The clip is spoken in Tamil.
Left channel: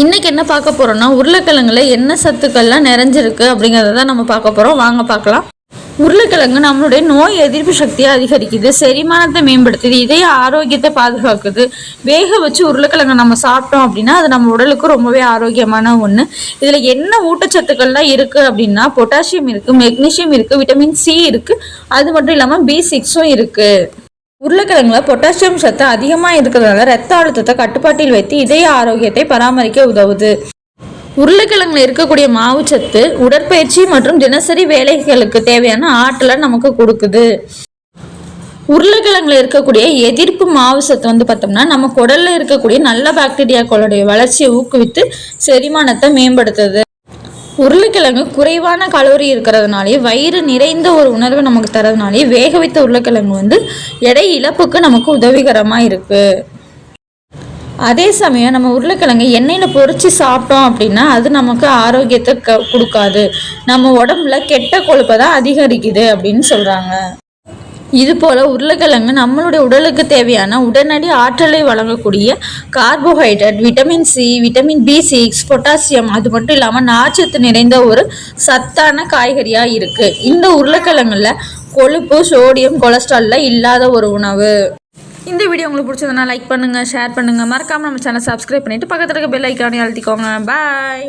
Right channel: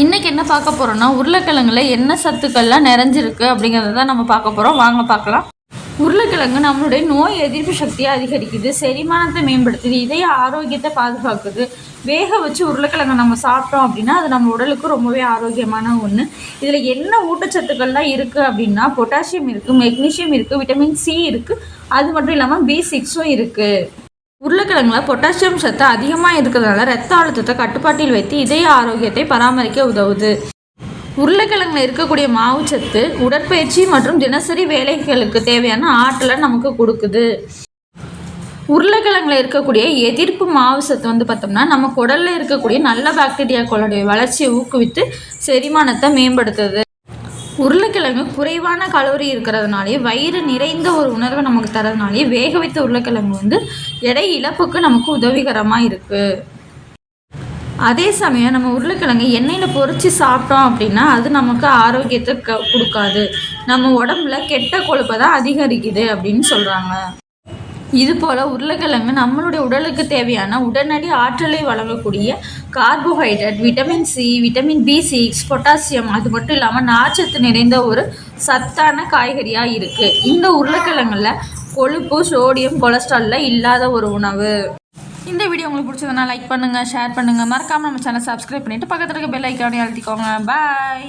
இன்றைக்கி என்ன பார்க்க போகிறோன்னா, உருளைக்கிழங்குல என்ன சத்துக்கள்லாம் நிறைஞ்சிருக்கு அப்படிங்கிறத தான் நம்ம பார்க்க போகிறோம். வாங்க பார்க்கலாம். உருளைக்கிழங்கு நம்மளுடைய நோய் எதிர்ப்பு சக்தியை அதிகரிக்குது, செரிமானத்தை மேம்படுத்துது, இதய ஆரோக்கியத்தை பாதுகாக்குது. வேக வச்சு உருளைக்கிழங்கு நம்ம சாப்பிட்டோம் அப்படின்னா அது நம்ம உடலுக்கு ரொம்பவே ஆரோக்கியமான ஒன்று. இதில் என்ன ஊட்டச்சத்துக்கள்லாம் இருக்குது அப்படின்னா, பொட்டாசியம் இருக்குது, மெக்னீஷியம் இருக்குது, விட்டமின் சி இருக்குது, அது மட்டும் இல்லாமல் B6 இருக்குது. உருளைக்கிழங்குல பொட்டாசியம் சத்து அதிகமாக இருக்கிறதுனால ரத்த அழுத்தத்தை கட்டுப்பாட்டில் வைத்து இதய ஆரோக்கியத்தை பராமரிக்க உதவுது. உருளைக்கிழங்குல இருக்கக்கூடிய மாவுச்சத்து உடற்பயிற்சி மற்றும் தினசரி வேலைகளுக்கு தேவையான ஆற்றலை நமக்கு கொடுக்குது. உருளைக்கிழங்குல இருக்கக்கூடிய எதிர்ப்பு மாவு சத்து பார்த்தோம்னா நம்ம குடல்ல இருக்கக்கூடிய நல்ல பாக்டீரியாக்களுடைய வளர்ச்சியை ஊக்குவித்து செரிமானத்தை மேம்படுத்துது. உருளைக்கிழங்கு குறைவான கலோரி இருக்கிறதுனாலே, வயிறு நிறைந்த ஒரு உணர்வை நமக்கு தரதுனாலே, வேக வைத்த உருளைக்கிழங்கு எடை இழப்புக்கு நமக்கு உதவிகரமாக இருக்குது. அதே சமயம் நம்ம உருளைக்கிழங்கு எண்ணெயில் பொரித்து சாப்பிட்டோம் அப்படின்னா அது நமக்கு ஆரோக்கியத்தை கொடுக்காது. நம்ம உடம்புல கெட்ட கொழுப்பை தான் அதிகரிக்குது அப்படின்னு சொல்கிறாங்க. இது போல் உருளைக்கிழங்கு நம்மளுடைய உடலுக்கு தேவையான உடனடி ஆற்றலை வழங்கக்கூடிய carbohydrate, vitamin C, vitamin B6, potassium, அது மட்டும் இல்லாமல் நார்ச்சத்து நிறைந்த ஒரு சத்தான காய்கறியாக இருக்குது. இந்த உருளைக்கிழங்குல கொழுப்பு, சோடியம், கொலஸ்ட்ராலில் இல்லாத ஒரு உணவு. இந்த வீடியோ உங்களுக்கு பிடிச்சதுன்னா லைக் பண்ணுங்கள், ஷேர் பண்ணுங்கள், மறக்காமல் நம்ம சேனல் சப்ஸ்கிரைப் பண்ணிவிட்டு பக்கத்தில் இருக்க பெல் ஐக்கானே அழுத்திக்கோங்க. பாய்.